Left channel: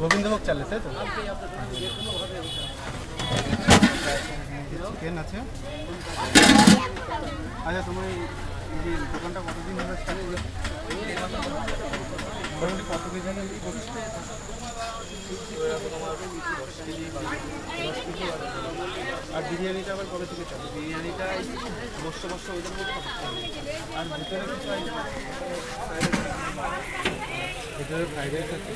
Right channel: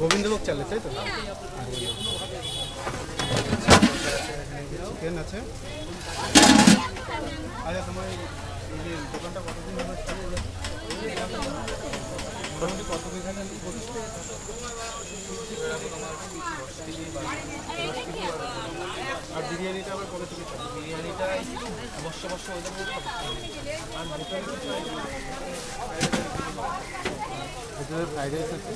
গোবিন্দভোগ চালে তাই তো? চিকেন আছে। আচ্ছা, তোমার এই যে দোকানটা কতদিন ধরে চালু করেছে? মোটামুটি কত কেজি করছে? আর বিরিয়ানিটা আবার কবে থেকে চালু? বিরিয়ানিটা বর্ষ ওদের মধ্যে আর ভেতরে কিছু আইটেম আছে? ভেতরে ফ্রাইড রাইস আছে।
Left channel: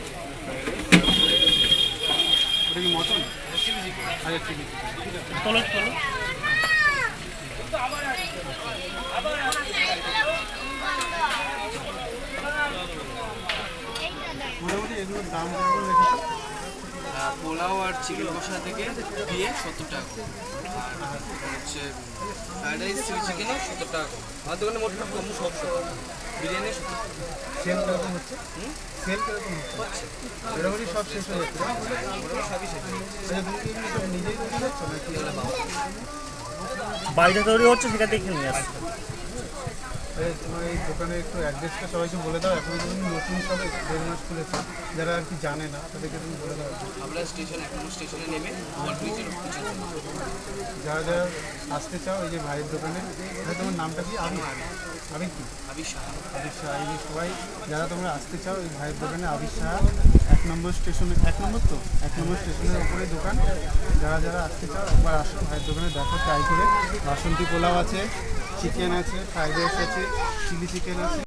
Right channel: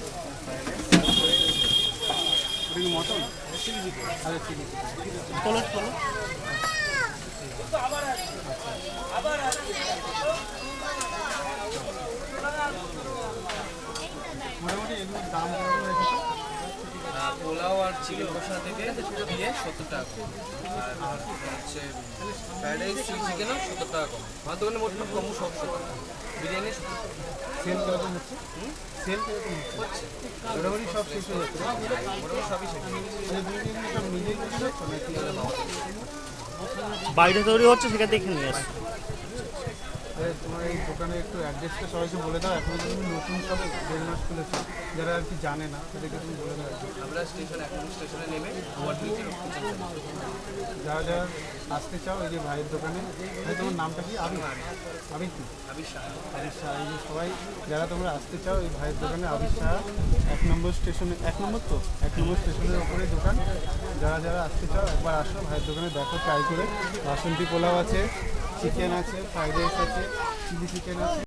ওটা কি মটন? Chilli chicken. আচ্ছা, চিলি চিকেন। তোলো মোটামুটি এগুলোর দাম কেমন রেখেছে? পোলাও আর চিকেন কষা থেকে দিয়ে 70 টাকা কম। আর হচ্ছে ফ্রাইড রাইস চিলি চিকেনও 70 টাকা কম। আমার দোকানে মোট কম সব বিরিয়ানি 70 টাকা। সেল কীরকম হচ্ছে? সেল কীরকম হচ্ছে? মোটামুটি সব শেষ হয়ে যাচ্ছে। মোটামুটি সবই শেষ। আচ্ছা, তুমি কি সব নিজেই তৈরি করছো নাকি? বাইরে তৈরি হচ্ছে সেখান থেকে নিয়ে আসছে। তোমার এই দোকানে একটু অ্যাড্রেসটা সবাইকে বলে দাও। এখন তুমি নতুন সবে 1.5 মাস খুলেছো, যারা আর কি জানে না তাদেরকে তুমি বলে দাও। আমরা স্টেশনে নেমে আমার নিচে যারা যারা আসতে চাও এই যে ভাইয়ের দোকানে, ভাই তোমার নামটা কি? আবির? আবির কি? আবির শাহ। আবির শাহ। এই যে সবাই যারা তোমরা আসতে চাও এই ভাইয়ের দোকানে, আবির শাহ 1 নম্বর স্টেশনে, 1 নম্বর তো 1 নম্বর স্টেশনের ওপরে দোকান। যারা যারা আসতে চাও একবার আসো ভাইয়ের দোকানে, দেখো ট্রাই করে। বাসন্তী পোলাও আছে, চিকেন আছে, ফ্রাইড রাইস আছে, চিলি চিকেন আছে।